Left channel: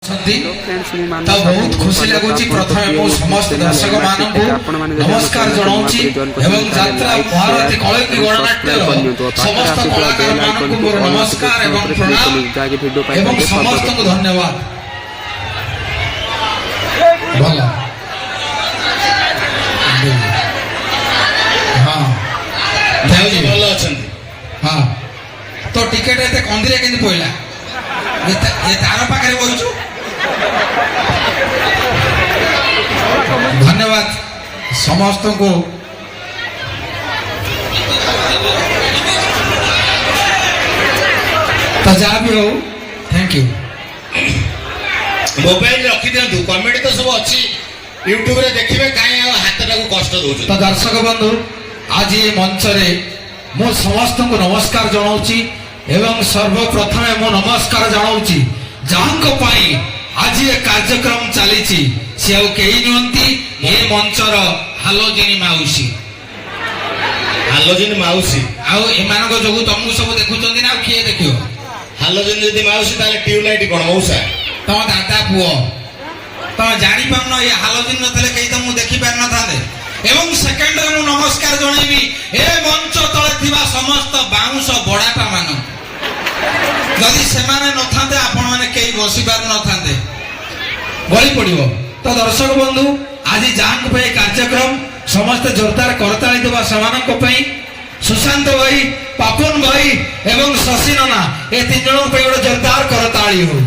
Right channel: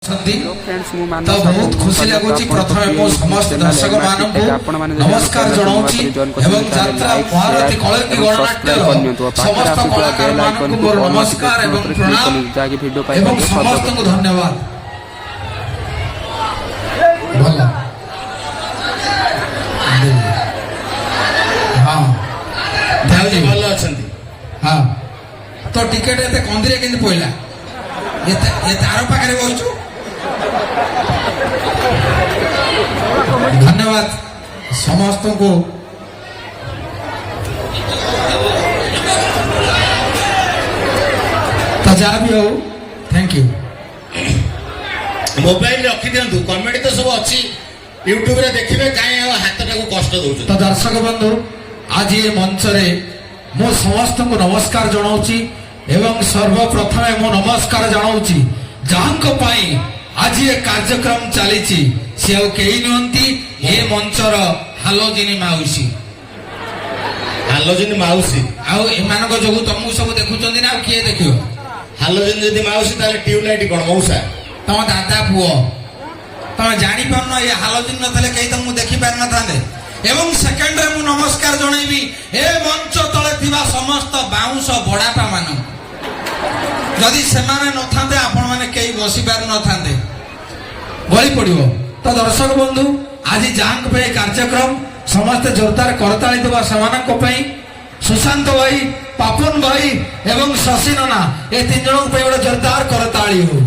बहुत खुशी लगुच प्रथम मो समस्त दर्शक मानक नमस्कार जनाऊँगी एवं यात्रा भारत कलकी गणनाट्य समस्त कलाकार मानक मोर नमस्कार एवं प्रणाम एवं समस्त को धन्यवाद। भला हाँ देवजी भल अछंती हाँ तो टिकेट एते कंदिरे केंति पइला ये तार पाखरे बइछु धन्यवाद समस्त को। तो जहाँ भी हो थैंक यू। मोबाइल रखी दियंतु कमेंट तो सब अच्छी यूट्यूब रे देखिबे काई हाथ टाको कष्ट दोछ। तो दर्शक बंधु आज ये मंच रे मो समस्त को नमस्कार जनाऊची एवं सर्वप्रथमे मो नमस्कार जनाऊची जहांको पाई आज ये कार्यक्रम चली सी नियंती ये मंचर हालोजिनी माउसी हालोजिनी माउसी आउ एमानक जोगु तुमको सब देखुचंदी ना किए देखियो हालोजिनी यदि माउसी ताले ट्यूबलाइट कोन मौसा तम दादा पुओ तम जानि पाउन ये हालोजिन न तले केई तुमको देखि पार न थांदे। एवं सेकंड रे मु नमस्कार जणाइबी ए मंच तले थिबा समस्त बाउंस बडाटा मान यदि सेमाने न थांदे आपण माने केई बसी पार न थांदे गली पड़िबो। तो दर्शक बंधु आज जांक पे कार्यक्रम समस्त जोरदार करताली देवा समानक पई सुशांत भाई पापन भाई एवं शशि नाना ए तीन जन पे गोटे जोरदार करताली हो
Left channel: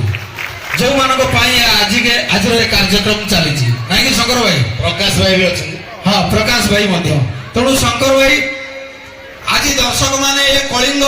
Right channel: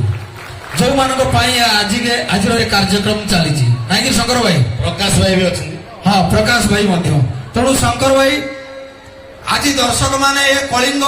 जो मानक पई आज के आज रे कार्यक्रम चली छी नाही कि शंकर भाई प्रकाश भाई भी अछि हां प्रकाश भाई मध्य तेणु शंकर भाई आज दर्शक माने ए कलिंग